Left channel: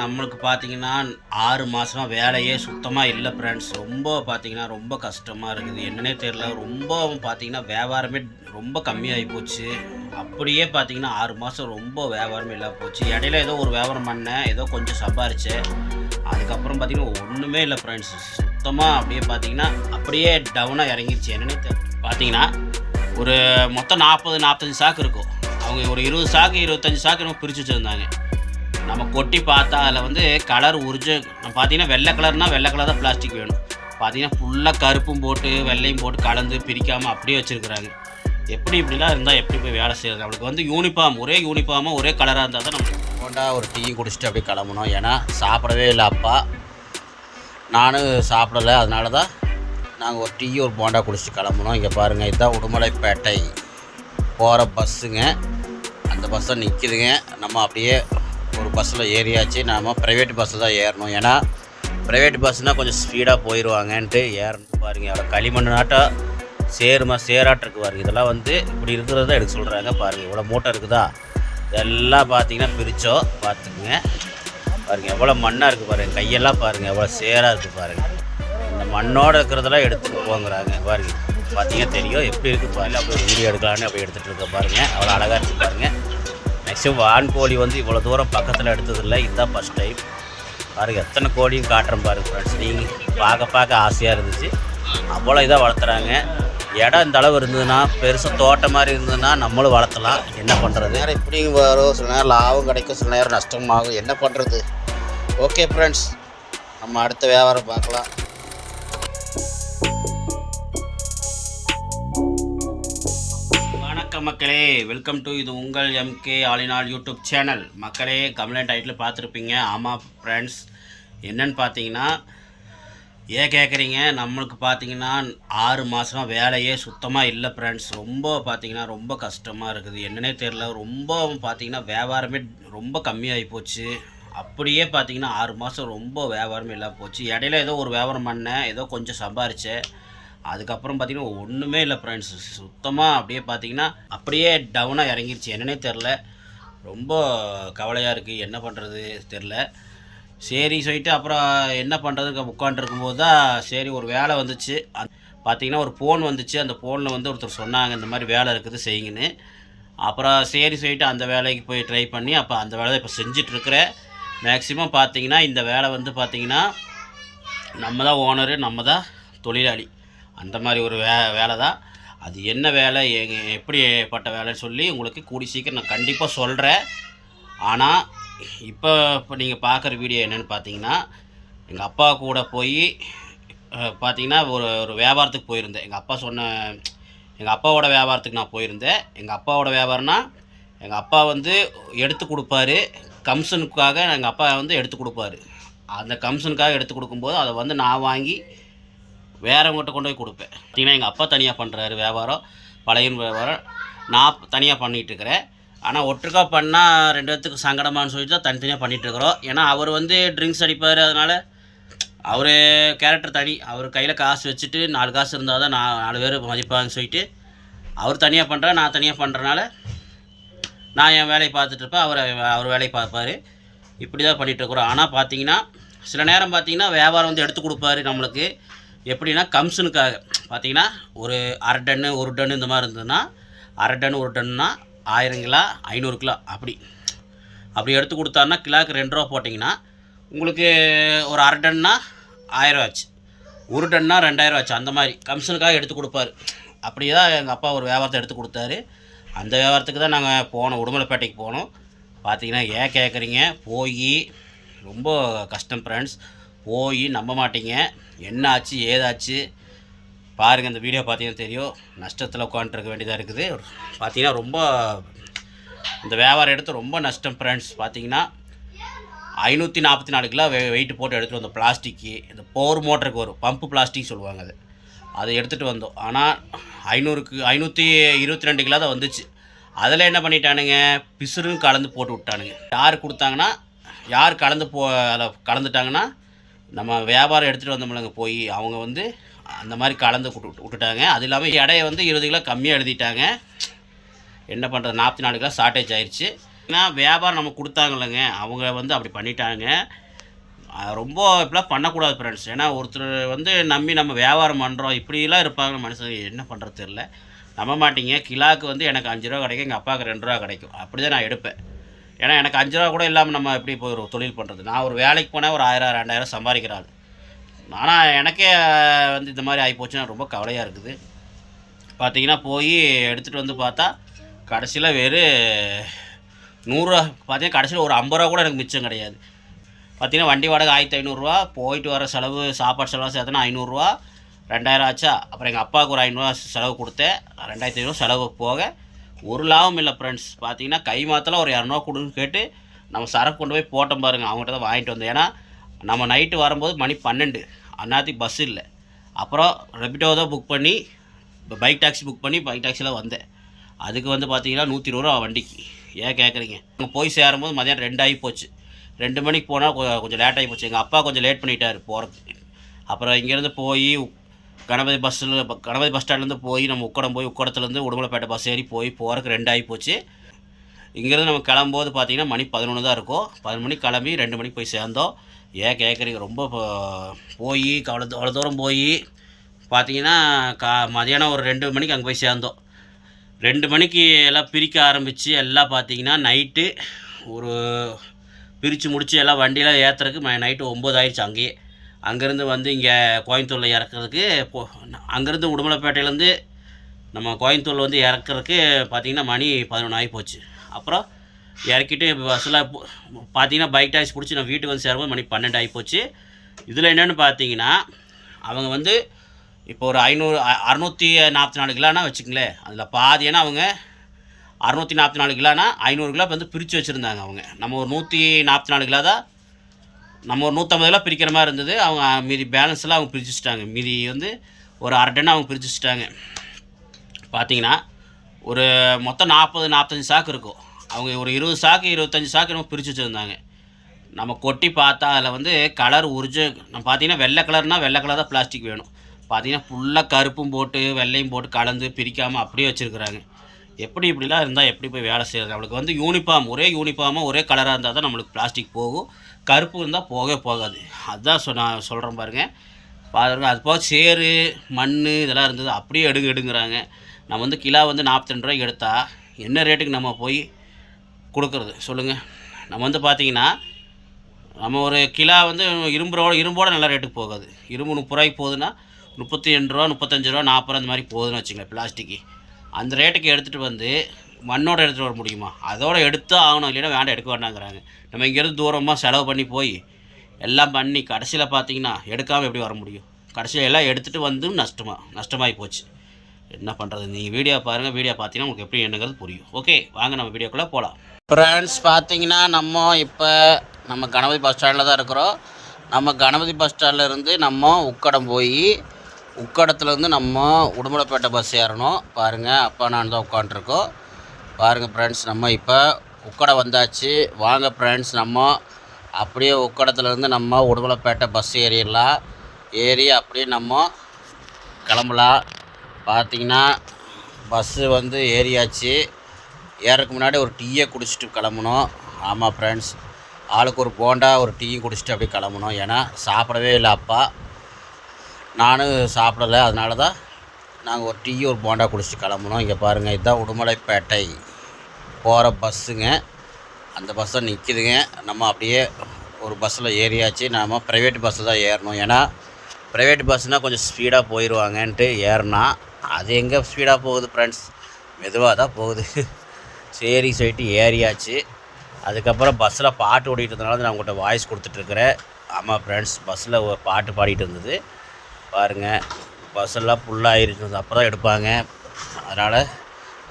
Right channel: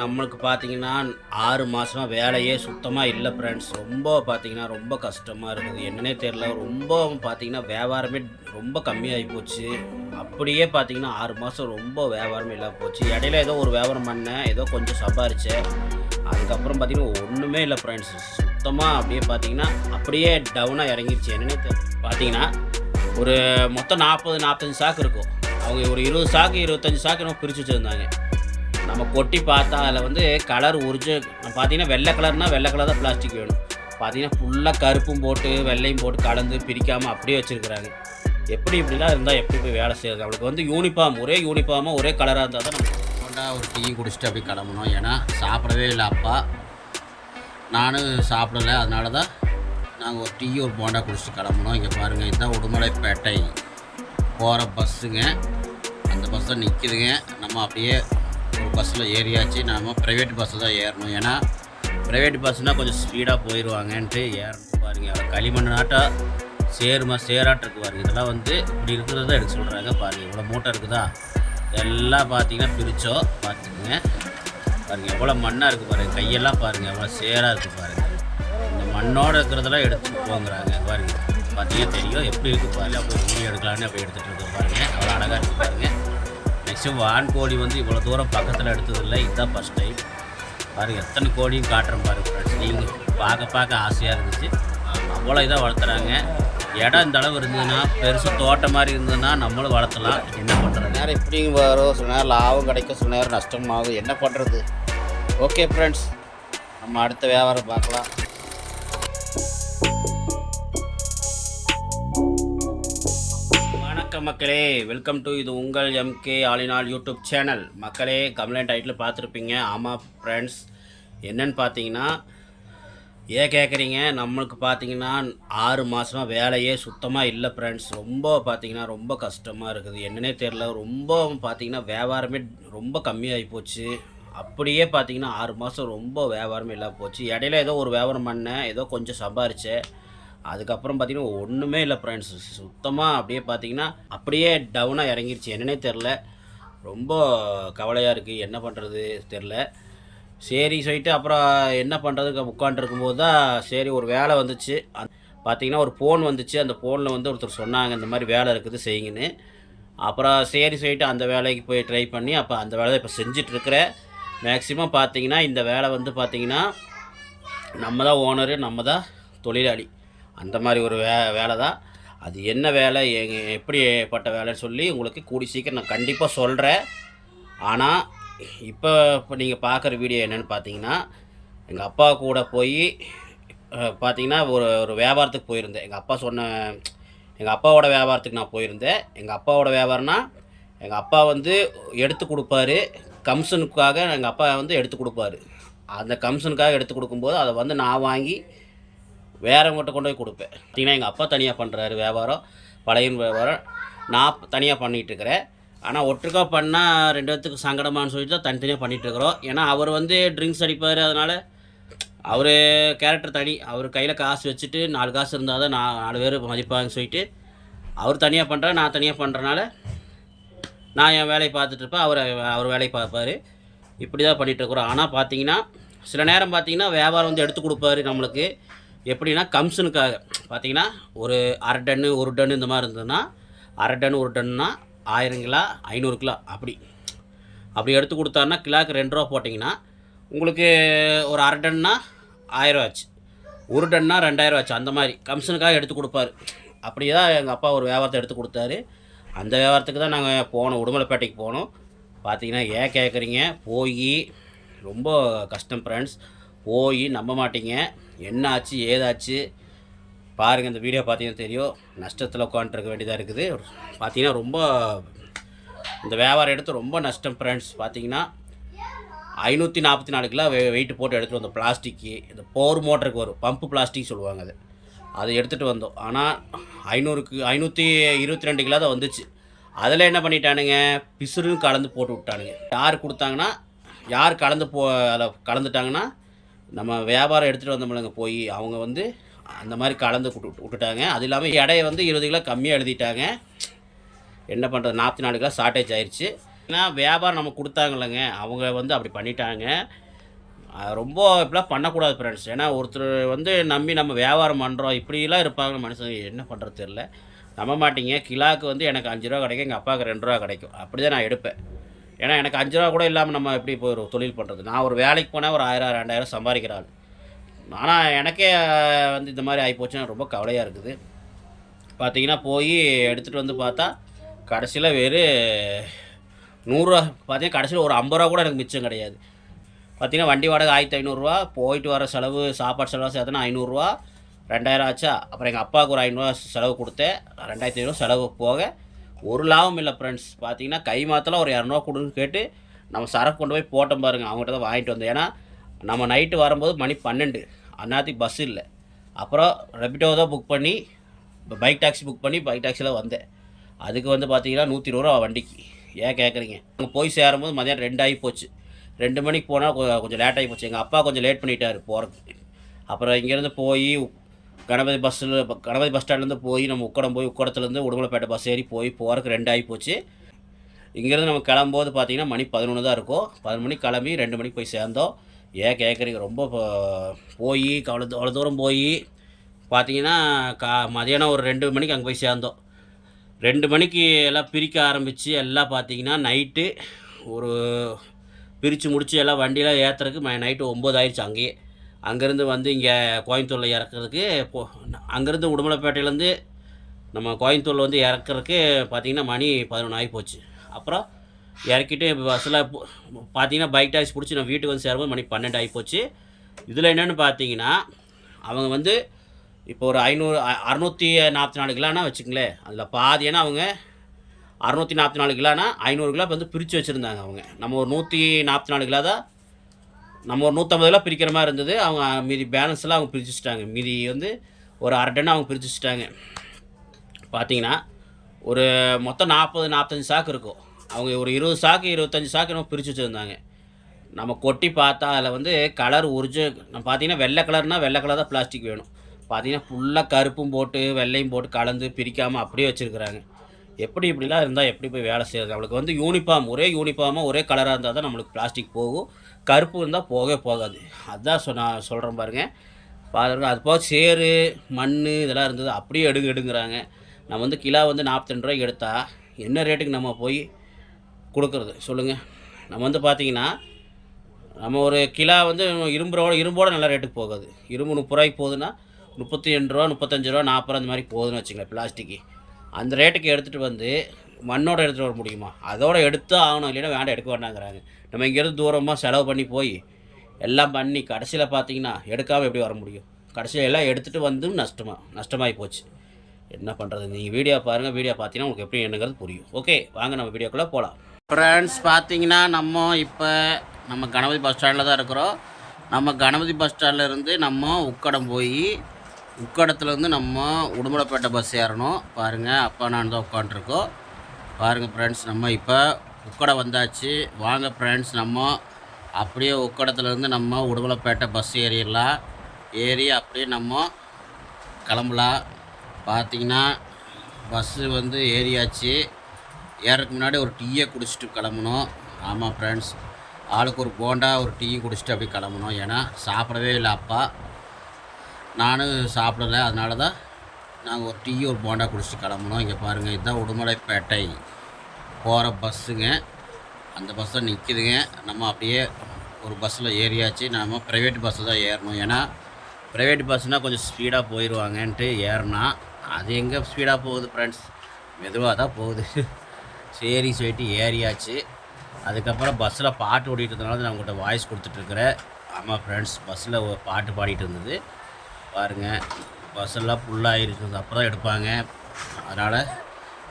நம்மளுக்கு பார்த்தீங்கன்னா 6 மாதமா வேலையே சுத்தமாக இல்லை ஃப்ரெண்ட்ஸ். ரொம்ப பார்த்தீங்கன்னா ரொம்ப கஷ்டமாக இருக்குது. என்னன்னே தெரில. ரொம்ப பார்த்தீங்கன்னா வியாபாரமே ரொம்ப கம்மியாகி போச்சு. அப்படியே பார்த்தீங்கன்னா 6 மாதம் ரொம்ப வியாபாரமே இல்லாம போச்சு. இடையில ஏதோ ஒரு வியாபாரம் பண்ணேன். ஏதோ கொஞ்சம் சம்பாரித்தேன். அதுக்கப்புறம் பார்த்தீங்கன்னா ஒன்றுமே இல்லை ஃப்ரெண்ட்ஸ். சுத்தமாக அப்படியே பார்த்தீங்கன்னா அப்படியே டவுனாக இறங்கிருச்சு. என்னன்னே பார்த்தீங்கன்னா ஒரு மொத்தம் 45 சாக்கு இருக்கும். அவங்க ஒரு 20 சாக்கு 25 சாக்கு நம்ம பிரித்து வச்சுருந்தாங்க. நம்ம கொட்டி பார்த்தா அதில் வந்து கலர் பார்த்தீங்கன்னா வெள்ளை கலர்னால் வெள்ளை கலர் தான் பிளாஸ்டிக் வேணும். பார்த்தீங்கன்னா ஃபுல்லாக கருப்பும் போட்டு வெள்ளையும் போட்டு கலந்து பிரிக்காமல் அப்படியே வச்சுருக்குறாங்க. இப்படிலாம் இருந்தால் எப்படி போய் வேலை செய்கிறது? அவளுக்கு வந்து யூனிஃபார்ம் ஒரே யூனிஃபார்மாக ஒரே கலராக இருந்தால் தான் நம்ம கொண்டா ஒரு டீ குடிச்சிட்டு அப்படியே கிளம்பணும். ஏன்னா சாப்பிடவே இல்லை அப்பா, நானும் சாப்பிடலை. அதனால தான் நாங்கள் ஒரு டீ ஒரு போண்டா குடிச்சிட்டு கிளம்பணும். இங்கே பாருங்கள், இதுதான் உடுமலைப்பேட்டை போகிற பஸ்ஸுங்க. அந்த பஸ்ஸை நிற்கிதுங்க. நம்ம அப்படியே ஒரு பஸ்ஸில் ஏறியாச்சு. நாம் ப்ரைவேட் பஸ்ஸில் தான் ஏறணும். ஏன்னா ப்ரைவேட் பஸ்ஸுனால் கொஞ்சம் ஸ்பீடாக போயிடுவாங்கன்ட்டு ஏறணும். பாருங்கள், அவ்வளோ களிமண் நாட்டம் சேராட்டிருக்கு பாருங்கள். இதெல்லாம் வந்து இப்படி இருக்கிறத தான் எடுக்க சொல்கிறாங்க. பாருங்கள், இவ்வளோ மூட்டை இருக்குதா, இதெல்லாம் பார்த்தீங்கன்னா பிரித்தோம். பார்த்துக்குங்க. பாருங்கள் எவ்வளோ மண்ணாக இருக்குது பாருங்கள். கையெல்லாம் பாருங்கள் எவ்வளோ சேராக இருக்குது பாருங்கள். இந்த மண்ணோடு இருக்கிறதெல்லாம் எடுத்துகிட்டு போங்கிறாங்க. பாருங்கள், பார்த்தீங்கன்னா தெரியும் எப்படி இருக்குது பாருங்கள். அப்படி வீடியோ எடுக்கலான்னு அப்படி எடுத்துகிட்டு இருக்க பாருங்கள். அவ்வளோ அழகாக இருக்குது பாருங்கள். மேக்ஸிமம் வான்கோழி வந்து இவ்வளோ தூரம் பக்கத்தில் எடுத்ததில்லை. இதுதான் ஃபஸ்ட் டைம். பாருங்கள் எத்தனை கோழியும் காட்டுறேன் பாருங்கள் ஃப்ரெண்ட்ஸ். நீங்கள் பார்க்க ஆசையாக இருந்துச்சு. அவ்வளோ இதாக வளர்த்துறாங்க. இடம் இந்த அளவு இருந்ததுன்னா, பெருசாக தோட்டம் மாதிரி இருந்ததுன்னா நம்மளும் வளர்த்தலாம். என்ன பண்ணுறது? நேரம் இப்படி வரும், சில நேரம் லாபம் கிடைக்கும், சில நேரம் நஷ்டமாகும். என்ன பண்ணுறது? ஓகே ஃப்ரெண்ட்ஸ், நம்ம அடுத்த வியாபாரம் பார்க்கலாம். வணக்கம் மக்களே, வெல்கம் டு இது உங்கள் எம்கே ஆலினால் யூடியூப் சேனல். மக்களே, கம்ப்ளைண்ட் டைட்டில் பார்த்துருப்பீங்க. ஆமாம் ஃப்ரெண்ட்ஸ், என்னன்னு பார்த்தீங்கன்னா கேட்குறீங்க. நம்மளுக்கு பார்த்தீங்கன்னா 6 மாதமா வேலையே சுத்தமாக இல்லை ஃப்ரெண்ட்ஸ். ரொம்ப பார்த்தீங்கன்னா ரொம்ப கஷ்டமாக இருக்குது. என்னன்னே தெரில. ரொம்ப பார்த்தீங்கன்னா வியாபாரமே ரொம்ப கம்மியாகி போச்சு. அப்படியே பார்த்தீங்கன்னா 6 மாதம் ரொம்ப வியாபாரமே இல்லாமல் போச்சு. இடையில ஏதோ ஒரு வியாபாரம் பண்ணேன். ஏதோ கொஞ்சம் சம்பாரித்தேன். அதுக்கப்புறம் பார்த்தீங்கன்னா ஒன்றுமே இல்லை ஃப்ரெண்ட்ஸ். சுத்தமாக அப்படியே பார்த்தீங்கன்னா அப்படியே டவுனாக இறங்கிருச்சு. என்னன்னே தெரில. ரொம்ப கவலையாக இருக்குது. என்ன பண்ணுறது தெரில. சரி சொல்லிட்டு அப்புறம் என்ன பண்ணுறதுக்கு உட்காண்ட்ருக்கும்போது தான் சரி ஒரு வேலை வந்துச்சு. பார்த்திங்கன்னா ஒரு ஃபோன் வந்துச்சு. அந்த ஃபோனில் வந்து ஒருத்தர் சொன்னாங்க, இந்த மாதிரி வேலை இருக்குது செய்யுங்கன்னு. அப்புறம் சரி சொல்லிட்டு அந்த வேலைக்கு போய் ட்ரை பண்ணி அப்போ அந்த வேலை தான் இப்போ செஞ்சிட்ருக்கிறேன். மேக்ஸிமம் பார்த்திங்கன்னா இந்த வேலை வந்து பார்த்திங்கன்னா நம்ம தான் ஓனரு, நம்ம தான் தொழிலாளி. அந்த மாதிரி ஒரு வேலை தான். அது என்ன வேலை, எப்படிப்பட்ட வேலைன்னு சொல்லி உங்களுக்கு கூடி சீக்கிரம் நான் கண்டிப்பாக சொல்கிறேன். ஆனால் இப்போ நீங்கள் பார்க்குற வீடியோ என்னென்னு பார்த்தீங்கன்னா, எங்கள் அப்பா கூட போய் பார்த்தீங்கன்னா ஒரு வியாபாரத்துக்கு போயிருந்தேன். எங்கள் அப்பாவோட வியாபாரத்துக்கு நான் போயிருந்தேன். எங்கள் அப்பாவோட வியாபாரம்னா எங்கள் அப்பா வந்து எடுத்து கொடுப்பாரு. கமிஷனுக்காக எங்கள் அப்பா வந்து எடுத்து கொடுப்பாரு. அந்த கமிஷனுக்காக எடுத்து கொடுக்கும்போது அதை வந்து நான் வாங்கி வேறவங்ககிட்ட கொண்டு போய் கொடுப்பேன். பார்த்தீங்கன்னா எங்கள் அப்பா தனியாக பண்ணுறாரு வியாபாரம், பழைய வியாபாரம். நான் தனியாக பண்ணிகிட்ருக்கிறேன். ஆனால் ஒட்டுக்கா பண்ணால் 2 பேர்த்துக்கு சங்கடமானு சொல்லிட்டு தான் தனித்தனியாக பண்ணிகிட்ருக்குறோம். ஏன்னா அவர் வந்து ட்ரிங்க்ஸ் அடிப்பார். அதனால் அவர் கேரக்டர் தனி. அவர் கையில் காசு வச்சுட்டு 4 காசு இருந்தால் தான் 4 பேர் மதிப்பாங்கன்னு சொல்லிட்டு அவர் தனியாக பண்ணுறார். நான் தனியாக பண்ணுறனால நான் என் வேலையை பார்த்துட்ருப்பேன், அவர் வேலையை பார்ப்பார். இப்படி தான் பண்ணிகிட்ருக்குறோம். ஆனால் பார்த்தீங்கன்னா சில நேரம் பார்த்தீங்கன்னா வியாபாரம் வந்து எடுத்து கொடுப்பாரு நம்மளுக்கு. எப்படின்னா கமிஷனுக்காக பார்த்தீங்கன்னா ஒரு 1/2 டன்னு 1 டன்னு இந்த மாதிரி இருந்ததுன்னா 1/2 டன்னு 1 டன்னுனா 1000 கிலோ 500 கிலோ அப்படி எடுத்து கொடுத்தாருன்னா கிலோக்கு 2 ரூபா போட்டிங்கன்னா உங்களுக்கு ஒரு 1/2 டன்னா 1000 ஆச்சு, 1 டன்னா 2000 ஆச்சு. அந்த மாதிரி கமிஷனுக்காக எடுத்து கொடுப்பாரு. அப்படி தான் எங்கள் அப்பா ஒரு வியாபாரத்தை எடுத்து கொடுத்தாரு. அந்த வியாபாரத்துக்கு தான் நாங்கள் போனோம், உடுமலைப்பேட்டைக்கு போனோம். பார்த்தீங்கன்னா கேட்குறீங்க, போய் ரொம்ப கஷ்டம் ஃப்ரெண்ட்ஸ். போய் நம்ப மாட்டீங்க என்ன ஆச்சு ஏதாச்சு. பாருங்கள், இந்த வீடியோ பார்த்தீங்கன்னா தெரியும். நஷ்டத்தில் உட்காந்துருக்க வேண்டியதாக இருக்குது. பார்த்தீங்கன்னா ரொம்ப இந்த வியாபாரம் எடுத்து ரொம்ப நஷ்டம் ஃப்ரெண்ட்ஸ். பார்த்தீங்கன்னா 544 கிலோ வெயிட்டு போட்டு எடுத்துகிட்டு வந்தோம். பிளாஸ்டிக்கு இந்த போர் மோட்டருக்கு வரும், பம்பு பிளாஸ்டிக் சொல்லுவாங்க. அதை எடுத்துகிட்டு வந்தோம். ஆனால் 522 கிலோ தான் வந்துச்சு. அதில் என்ன பண்ணிட்டானுங்க, பிசுறுன்னு கலந்து போட்டு விட்டானுங்க. யார் கொடுத்தாங்கன்னா, யார் அதில் கலந்துட்டாங்கன்னா நம்ம வியாபாரம் எடுத்துகிட்டு வந்தோம்லங்க போய் அவங்க வந்து அந்த மாதிரி கலந்து விட்டுட்டாங்க. அது இல்லாமல் எடையை வந்து 20 கிலோ கம்மியாக எழுதிட்டாங்க. என்ன பண்ணுறது, 44 கிலோ ஷார்ட்டேஜ் ஆயிடுச்சு. ஏன்னா வியாபாரம் நமக்கு கொடுத்தாங்கல்லங்க, அவங்க வந்து அப்படி பண்ணிட்டாங்க. ரொம்ப இப்படிலாம் பண்ணக்கூடாது ஃப்ரெண்ட்ஸ். ஏன்னா ஒருத்தர் வந்து நம்பி நம்ம வியாபாரம் பண்ணுறோம், இப்படிலாம் இருப்பாங்க மனுஷங்க, என்ன பண்ணுறது தெரில. நம்ப மாட்டீங்க, கிலோவுக்கு வந்து எனக்கு ரூ. 5 கிடைக்கும், எங்கள் அப்பாவுக்கு ரூ. 2 கிடைக்கும். அப்படி தான் நான் எடுப்பேன். ஏன்னா எனக்கு ரூ. 5 கூட இல்லாமல் நம்ம எப்படி இப்போ ஒரு தொழில் பண்ணுறது? நான் ஒரு வேலைக்கு போனால் ஒரு 1000 2000 சம்பாதிக்கிற ஆள். ஆனால் எனக்கே வந்து இந்த மாதிரி ஆகிப்போச்சுன்னா ரொம்ப கவலையாக இருக்குது. பார்த்தீங்கன்னா போய் எடுத்துகிட்டு வந்து பார்த்தா கடைசியில் வெறும் 100 பார்த்தீங்கன்னா கடைசியில் ஒரு 50 கூட எனக்கு மிச்சம் கிடையாது. பார்த்தீங்கன்னா வண்டி வாடகை 1500, போயிட்டு வர செலவு சாப்பாடு செலவு சேர்த்தனா 500, 2000 ஆச்சா. அப்புறம் எங்கள் அப்பாவுக்கு ஒரு 500 செலவு கொடுத்தேன், 2500 செலவு போக ஒரு லாபம் இல்லை ஃப்ரெண்ட்ஸ். பார்த்தீங்கன்னா கை மாத்தலாம் ஒரு 200 கொடுன்னு கேட்டு நம்ம சரக்கு கொண்டு போய் போட்டோம் பாருங்கள், அவங்ககிட்ட தான் வாங்கிட்டு வந்தேன். ஏன்னா நம்ம நைட்டு வரும்போது மணி 12, அந்நேரத்துக்கு பஸ் இல்லை. அப்புறம் ரெபிட்டோ தான் புக் பண்ணி பைக் டாக்ஸி புக் பண்ணி பைக் டாக்ஸியில் வந்தேன். அதுக்கு வந்து பார்த்தீங்கன்னா 120 வண்டிக்கு. ஏன் கேட்குறீங்க? அங்கே போய் சேரும்போது மதியானம் 2 ஆகி போச்சு. 2 மணிக்கு போனால் கொஞ்சம் லேட் ஆகி போச்சு. எங்கள் அப்பா கொஞ்சம் லேட் பண்ணிட்டார் போகிறதுக்கு. அப்புறம் இங்கேருந்து போய் கணபதி பஸ் ஸ்டாண்ட்லேருந்து போய் நம்ம உக்கடத்துலேருந்து உடுமலைப்பேட்டை பஸ் ஏறி போகிறதுக்கு 2 ஆகி போச்சு. இங்கேருந்து நம்ம கிளம்போது பார்த்திங்கன்னா மணி 11 தான் இருக்கும். 11 மணிக்கு கிளம்பி 2 மணிக்கு போய் சேர்ந்தோம். ஏன் கேட்குறீங்க? ரொம்ப போய் அவ்வளோ தூரம் போய் பார்த்தீங்கன்னா மதியானம் ஒரு 2 மணிக்கு அங்கே போய் சேர்ந்தோம். 2 மணிக்கு எல்லாம் பிரிக்க ஆரம்பித்து எல்லாம் பார்த்தீங்கன்னா நைட்டு ஒரு பிரித்து முடித்து எல்லாம் வண்டியெலாம் ஏற்றுறதுக்கு நைட்டு 9 ஆயிடுச்சு. அங்கேயே அங்கேருந்து வந்து இங்கே கோயம்புத்தூரில் இறக்குறதுக்கு அங்கேருந்து உடுமலைப்பேட்டையிலேருந்து நம்ம கோயம்புத்தூரில் வந்து இறக்குறதுக்கு பார்த்திங்கன்னா மணி 11 ஆகி போச்சு. அப்புறம் இறக்கிட்டு பஸ்ஸில் பார்த்திங்கன்னா பைக் டாக்ஸி பிடிச்சி நான் வீட்டுக்கு வந்து சேரும்போது மணி 12 ஆகி போச்சு. இதில் என்னென்னு பார்த்தீங்கன்னா அவங்க வந்து இப்போ ஒரு 644 கிலோனா வச்சுங்களேன், அதில் பாதி. ஏன்னா அவங்க 644 கிலோனா 500 கிலோ வந்து பிரித்து வச்சுருந்தாங்க அவங்க. நம்ம ஒரு 144 கிலோ தான், நம்ம ஒரு 150 கிலோ பிரிக்கிற மாதிரி இருந்தது. அவங்க மீதி பேலன்ஸ்லாம் அவங்க பிரித்து வச்சுட்டாங்க. மீதி வந்து ஒரு 1/2 டன் அவங்க பிரித்து வச்சுட்டாங்க. பார்த்தீங்கன்னா ஒரு மொத்தம் 40-45 சாக்கு இருக்கும். அவங்க ஒரு 20 சாக்கு 25 சாக்கு நம்ம பிரித்து வச்சுருந்தாங்க. நம்ம கொட்டி பார்த்தா அதில் வந்து கலர் நம்ம பார்த்தீங்கன்னா வெள்ளை கலர்னால் வெள்ளை கலர் தான் பிளாஸ்டிக் வேணும். பார்த்தீங்கன்னா ஃபுல்லாக கருப்பும் போட்டு வெள்ளையும் போட்டு கலந்து பிரிக்காமல் அப்படியே வச்சுருக்குறாங்க. எப்படி இப்படிலாம் இருந்தால் எப்படி போய் வேலை செய்கிறது? நம்மளுக்கு வந்து யூனிஃபார்ம், ஒரே யூனிஃபார்மாக ஒரே கலராக இருந்தால் தான் நம்மளுக்கு பிளாஸ்டிக் போகும். கருப்பு இருந்தால் போகவே போகாது. அதுதான் நான் சொல்கிறேன் பாருங்கள். அது போக சேறு மண் இதெல்லாம் இருந்தது, அப்படியே எடுங்கிறாங்க. நம்ம வந்து கிலோ வந்து 42 ரூபாய்க்கு எடுத்தால் என்ன ரேட்டுக்கு நம்ம போய் கொடுக்குறது சொல்லுங்கள்? நம்ம வந்து பார்த்திங்கன்னா நம்ம ஒரு கிலோ வந்து இரும்போட நல்ல ரேட்டுக்கு போகாது. இரும்பு 30 ரூபாய்க்கு போகுதுன்னா 32 ரூபா 35 ரூபா 40 ரூபா அந்த மாதிரி போகுதுன்னு வச்சுங்களேன் பிளாஸ்டிக்கு. அந்த ரேட்டுக்கு எடுத்துகிட்டு வந்து மண்ணோடு எடுத்துகிட்டு வர முடியுமா? அதோடு எடுத்து ஆகணும், இல்லைன்னா வேண்டாம் எடுக்க வேண்டாங்கிறாங்க. நம்ம இங்கேருந்து தூரமாக செலவு பண்ணி போய் எல்லாம் பண்ணி கடைசியில் பார்த்திங்கன்னா எடுக்காமல் எப்படி வர முடியும்? கடைசியில் எல்லாம் எடுத்துகிட்டு வந்து நஷ்டமாகி போச்சு. என்ன பண்ணுறது? நீங்கள் வீடியோ பாருங்கள், வீடியோ பார்த்தீங்கன்னா உங்களுக்கு எப்படி என்னங்கிறது புரியும். ஓகே, வாங்க நம்ம வீடியோக்குள்ளே போகலாம். ஃப்ரெண்ட்ஸ், பார்த்தீங்கன்னா நம்ம கணபதி பஸ் ஸ்டாண்டில் தான் இருக்கிறோம். நம்ம கணபதி பஸ் ஸ்டாண்டில் இருந்து நம்ம உக்கடம் போய் உக்கடத்துலேருந்து நம்ம உடுமலைப்பேட்டை பஸ் ஏறணும். பாருங்கள், அப்பா நான் தான் உட்காண்ட்ருக்கோம். பாருங்கள் ஃப்ரெண்ட்ஸ், நம்ம இப்போ உக்கடம் வந்தாச்சு. வாங்க ஃப்ரெண்ட்ஸ், நம்ம அப்படியே உக்கடத்துலேருந்து நம்ம உடுமலைப்பேட்டை பஸ் ஏறிடலாம். ஏறி அப்படியே நம்ம கிளம்பலாம். பார்த்திங்கன்னா பஸ்ஸு வந்து ஏறியாச்சு. ஏறதுக்கு முன்னாடி ஒரு டீயை குடிச்சிட்டு கிளம்பணும். ஆமாம் ஃப்ரெண்ட்ஸ், ஆளுக்கு ஒரு போண்டா ஒரு டீயும் குடிச்சிட்டு அப்படியே கிளம்பணும். ஏன்னா சாப்பிடவே இல்லை அப்பா, நானும் சாப்பிடலை. அதனால தான் நாங்கள் ஒரு டீ ஒரு போண்டா குடிச்சிட்டு கிளம்பணும். இங்கே பாருங்கள், இதுதான் உடுமலைப்பேட்டை போகிற பஸ்ஸுங்க. அந்த பஸ்ஸை நிற்கிதுங்க. நம்ம அப்படியே ஒரு பஸ்ஸில் ஏறியாச்சு. நம்ம ப்ரைவேட் பஸ்ஸில் தான் ஏறணும். ஏன்னா ப்ரைவேட் பஸ்ஸுனால் கொஞ்சம் ஸ்பீடாக போயிடுவாங்கன்ட்டு ஏறினா, அது எங்கே ஸ்பீடாக போகுது ஃப்ரெண்ட்ஸ், மெதுவாக தான் போகுது. சரி சொல்லிட்டு ஏறியாச்சு. அதுக்கப்புறம் பஸ்ஸில் பாட்டு ஓடிட்டு இருந்தனால நான் உங்கள்கிட்ட வாய்ஸ் கொடுத்துட்ருக்குறேன். ஆமாம் ஃப்ரெண்ட்ஸ், பஸ்ஸில் பாட்டு பாடிட்டு இருந்தது. பாருங்கள், பஸ்ஸெல்லாம் ஃபுல்லாக ஆகிருக்குது, அப்போ தான் எடுப்பாங்க. அதனால்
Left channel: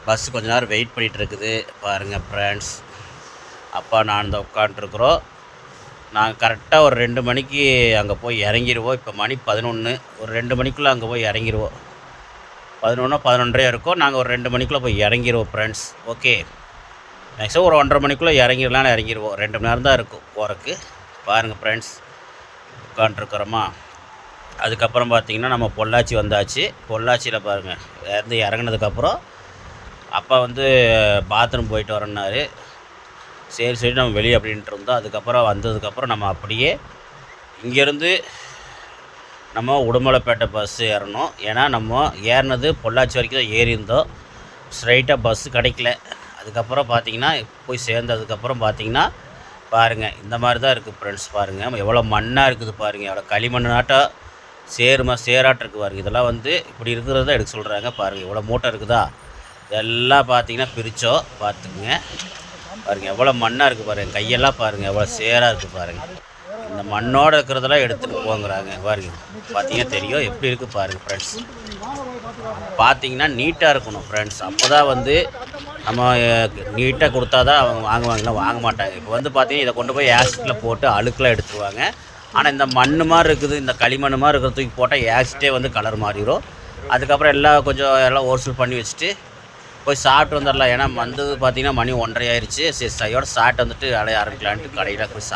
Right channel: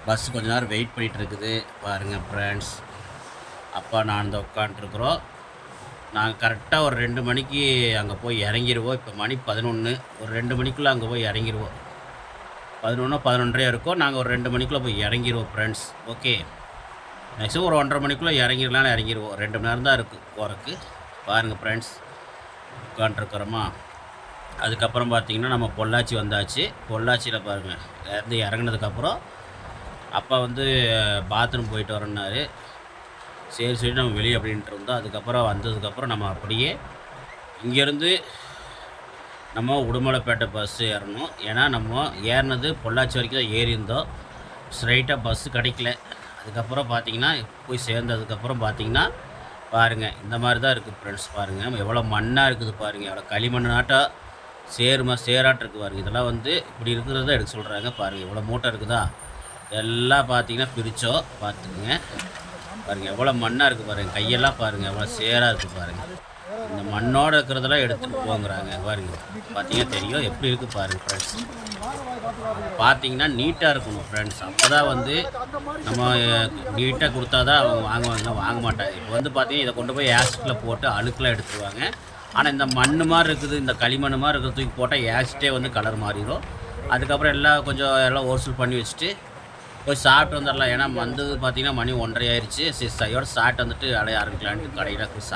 பஸ்ஸு கொஞ்ச நேரம் வெயிட் பண்ணிகிட்டு இருக்குது. பாருங்கள் ஃப்ரெண்ட்ஸ், அப்பா நான் தான் உட்காண்ட்ருக்குறோம். நாங்கள் கரெக்டாக ஒரு 2 மணிக்கு அங்கே போய் இறங்கிடுவோம். இப்போ மணி 11, ஒரு 2 மணிக்குள்ளே அங்கே போய் இறங்கிடுவோம். 11 11:30 இருக்கும். நாங்கள் ஒரு 2 மணிக்குள்ளே போய் இறங்கிடுவோம் ஃப்ரெண்ட்ஸ். ஓகே, மேக்ஸிமம் ஒரு 1:30 மணிக்குள்ளே இறங்கிடுவோம். 2 மணி நேரம் தான் இருக்கும் போகிறதுக்கு. பாருங்கள் ஃப்ரெண்ட்ஸ், உட்காண்ட்ருக்குறோமா. அதுக்கப்புறம் பார்த்திங்கன்னா நம்ம பொள்ளாச்சி வந்தாச்சு. பொள்ளாச்சியில் பாருங்கள், இறங்குனதுக்கப்புறம் அப்பா வந்து பாத்ரூம் போயிட்டு வரேன்னாரு. சரி சரி நம்ம வெளியே அப்படின்ட்டு இருந்தோம். அதுக்கப்புறம் வந்ததுக்கப்புறம் நம்ம அப்படியே இங்கேருந்து நம்ம உடுமலைப்பேட்டை பஸ்ஸு ஏறணும். ஏன்னா நம்ம ஏறினது பொள்ளாச்சி வரைக்கும் தான் ஏறியிருந்தோம். ஸ்ட்ரைட்டாக பஸ்ஸு கிடைக்கல. அதுக்கப்புறம் பார்த்திங்கன்னா போய் சேர்ந்ததுக்கப்புறம் பார்த்திங்கன்னா பாருங்கள் இந்த மாதிரி தான் இருக்குது ஃப்ரெண்ட்ஸ். பாருங்கள் எவ்வளோ மண்ணாக இருக்குது பாருங்கள், எவ்வளோ களிமண்ணாட்டம் சேராட்டம் இருக்குது பாருங்கள். இதெல்லாம் வந்து இப்படி இருக்கிறது தான் எடுக்க சொல்கிறாங்க. பாருங்கள் எவ்வளோ மூட்டை இருக்குதா, இதெல்லாம் பார்த்திங்கன்னா பிரித்தோம். பார்த்துக்குங்க பாருங்கள் எவ்வளோ மண்ணாக இருக்குது பாருங்கள். கையெல்லாம் பாருங்கள் எவ்வளோ சேராக இருக்குது பாருங்கள். இந்த மண்ணோடு இருக்கிறதெல்லாம் எடுத்துகிட்டு போங்கிறாங்க. பாருங்கள் பார்த்தீங்கன்னா தெரியும் எப்படி இருக்குது பாருங்கள் ஃப்ரெண்ட்ஸ். பார்த்தீங்கன்னா நீட்டாக இருக்கணும் ஃப்ரெண்ட்ஸ். அப்போ தான் வந்து நம்ம நீட்டாக கொடுத்தா தான் அவங்க வாங்குவாங்கன்னா வாங்க மாட்டாங்க. இப்போ வந்து பார்த்தீங்கன்னா இதை கொண்டு போய் ஆசிட்டில் போட்டு அழுக்கெலாம் எடுத்துருவாங்க. ஆனால் இந்த மண் மாதிரி இருக்குது, இந்த களிமண் மாதிரி இருக்கிற தூக்கி போட்டால் ஆசிட்டே வந்து கலர் மாறிடும். அதுக்கப்புறம் எல்லாம் ஓர்சல் பண்ணி வச்சுட்டு போய் சாப்பிட்டு வந்துடலாம். ஏன்னா வந்தது பார்த்திங்கன்னா மணி 1:30 ஆயிடுச்சு. சரி கையோட சாப்பிட்டு வந்துட்டு வேலையை ஆரம்பிக்கலான்ட்டு கடையில் போய்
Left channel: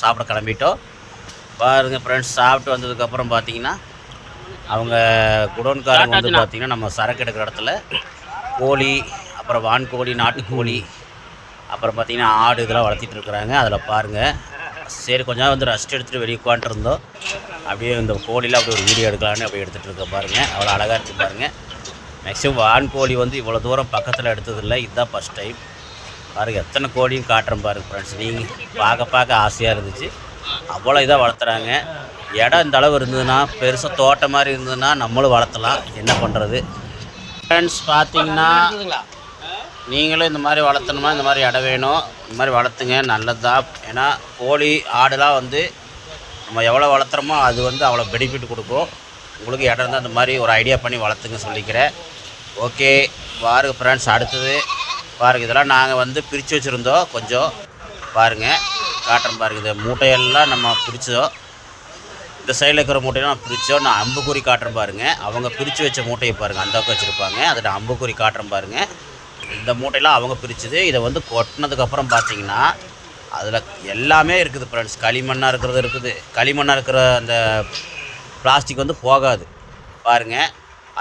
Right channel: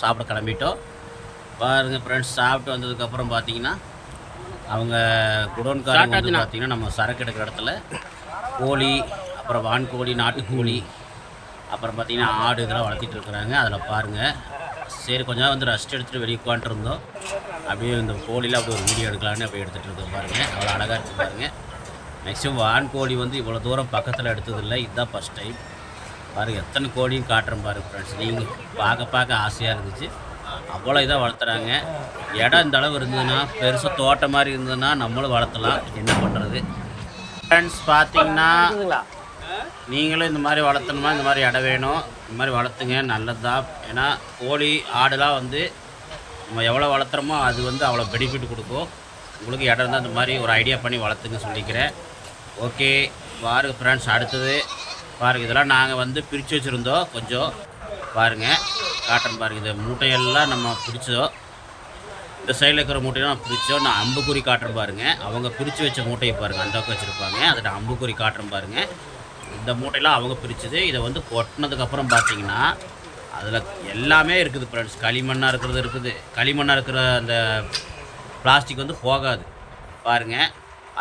சாப்பிட கிளம்பிட்டோம். பாருங்கள் ஃப்ரெண்ட்ஸ், சாப்பிட்டு வந்ததுக்கப்புறம் பார்த்திங்கன்னா அவங்க குடோன்காரங்க வந்து பார்த்திங்கன்னா நம்ம சரக்கு எடுக்கிற இடத்துல கோழி, அப்புறம் வான்கோழி, நாட்டுக்கோழி, அப்புறம் பார்த்திங்கன்னா ஆடு இதெல்லாம் வளர்த்திட்டு இருக்கிறாங்க. அதில் பாருங்கள். சரி கொஞ்சம் நேரம் வந்து ரெஸ்ட் எடுத்துகிட்டு வெளியே உட்காந்துருந்தோம். அப்படியே இந்த கோழியில் அப்படி ஒரு வீடியோ எடுக்கலான்னு அப்படியே எடுத்துகிட்டு இருக்கேன் பாருங்கள். அவ்வளோ அழகாக இருக்குது பாருங்கள். மேக்ஸிமம் வான்கோழி வந்து இவ்வளோ தூரம் பக்கத்தில் எடுத்ததில்லை, இதுதான் ஃபஸ்ட் டைம். பாருங்கள் எத்தனை கோழியும் காட்டுறேன் பாருங்கள் ஃப்ரெண்ட்ஸ். நீங்கள் பார்க்க ஆசையாக இருந்துச்சு. அவ்வளோ இதாக வளர்த்துறாங்க. இடம் இந்த அளவு இருந்ததுன்னா, பெருசாக தோட்டம் மாதிரி இருந்ததுன்னா நம்மளும் வளர்த்தலாம். என்ன பண்ணுறது ஃப்ரெண்ட்ஸ். பார்த்தீங்கன்னா நீங்களும் இந்த மாதிரி வளர்த்தணுமா, இந்த மாதிரி இடம் வேணும், இந்த மாதிரி வளர்த்துங்க, நல்லது தான். ஏன்னா கோழி ஆடுலாம் வந்து நம்ம எவ்வளோ வளர்த்துறோமோ அது வந்து அவ்வளோ பெனிஃபிட் கொடுக்கும். உங்களுக்கு இடம் இருந்தால் அந்த மாதிரி ஒரு ஐடியா பண்ணி வளர்த்துங்க சொல்லிக்கிறேன். ஓகே பாருங்கள் ஃப்ரெண்ட்ஸ். அடுத்தது பாருங்கள், இதெல்லாம் நாங்கள் வந்து பிரித்து வச்சுருந்தோம். கொஞ்சம் பாருங்கள் காட்டுறேன் பாருங்கள். இந்த மூட்டையெல்லாம் நம்ம பிரித்தோம். இந்த சைடில் இருக்கிற மூட்டையெல்லாம் நான் பிரித்தோம். நான் அம்புக்குறி காட்டுறேன் பாருங்கள். அவங்க பிரித்து வச்ச மூட்டையை பாருங்கள், அந்த பக்கம் வச்சுருப்பாங்க. அதில் அம்புக்குறி காட்டுறேன் பாருங்கள். இந்த மூட்டையெல்லாம் அவங்க பிரித்தது. இதை வந்து கொட்டினதுக்கப்புறம் பார்த்திங்கன்னா அதில் எல்லாமே இருக்குது ஃப்ரெண்ட்ஸ். களிமண்ணாக இருக்கிறது இருக்குது. களிமண்ணாக இருக்கிற அந்த பிளாஸ்டிக் வந்து போகாது பாருங்கள்.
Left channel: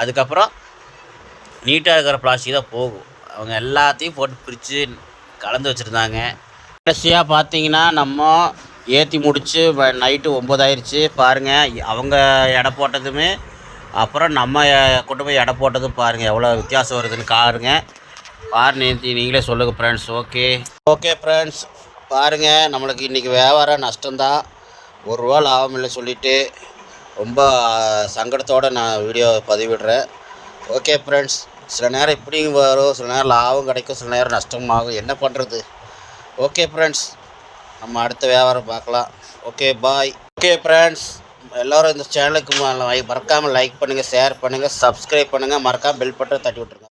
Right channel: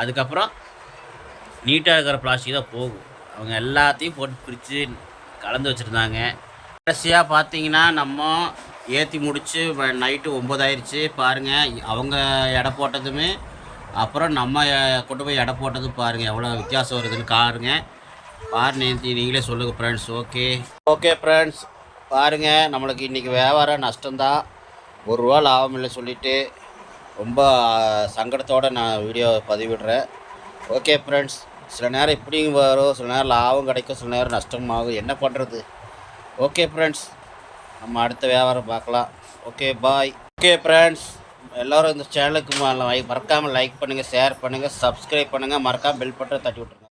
அதுக்கப்புறம் நீட்டாக இருக்கிற பிளாஸ்டிக் தான் போகும். அவங்க எல்லாத்தையும் போட்டு பிரித்து கலந்து வச்சுருந்தாங்க. கடைசியாக பார்த்தீங்கன்னா நம்ம ஏற்றி முடித்து நைட்டு 9 ஆயிடுச்சு பாருங்கள். அவங்க எடை போட்டதுமே அப்புறம் நம்ம கொண்டு போய் எடை போட்டதும் பாருங்கள் எவ்வளோ வித்தியாசம் வருதுன்னு நீங்களே சொல்லுங்கள் ஃப்ரெண்ட்ஸ். ஓகே ஃப்ரெண்ட்ஸ், பாருங்கள் நம்மளுக்கு இன்றைக்கி வியாபாரம் நஷ்டம்தான். ₹1 லாபம் இல்லை சொல்லிவிட்டு ரொம்ப சங்கடத்தோடு நான் வீடியோ பதிவிடுறேன். ஓகே ஃப்ரெண்ட்ஸ், சில நேரம் இப்படியும் வரும், சில நேரம் லாபம் கிடைக்கும், சில நேரம் நஷ்டமாகும். என்ன பண்ணுறது? ஓகே ஃப்ரெண்ட்ஸ், நம்ம அடுத்த வியாபாரம் பார்க்கலாம். Okay bye. ஓகே ஃப்ரெண்ட்ஸ், எல்லோரும் இந்த சேனலுக்கு மறக்காமல் லைக் பண்ணுங்கள், ஷேர் பண்ணுங்கள், சப்ஸ்கிரைப் பண்ணுங்கள், மறக்காமல் பெல் பட்டன் தட்டி விட்ருங்க.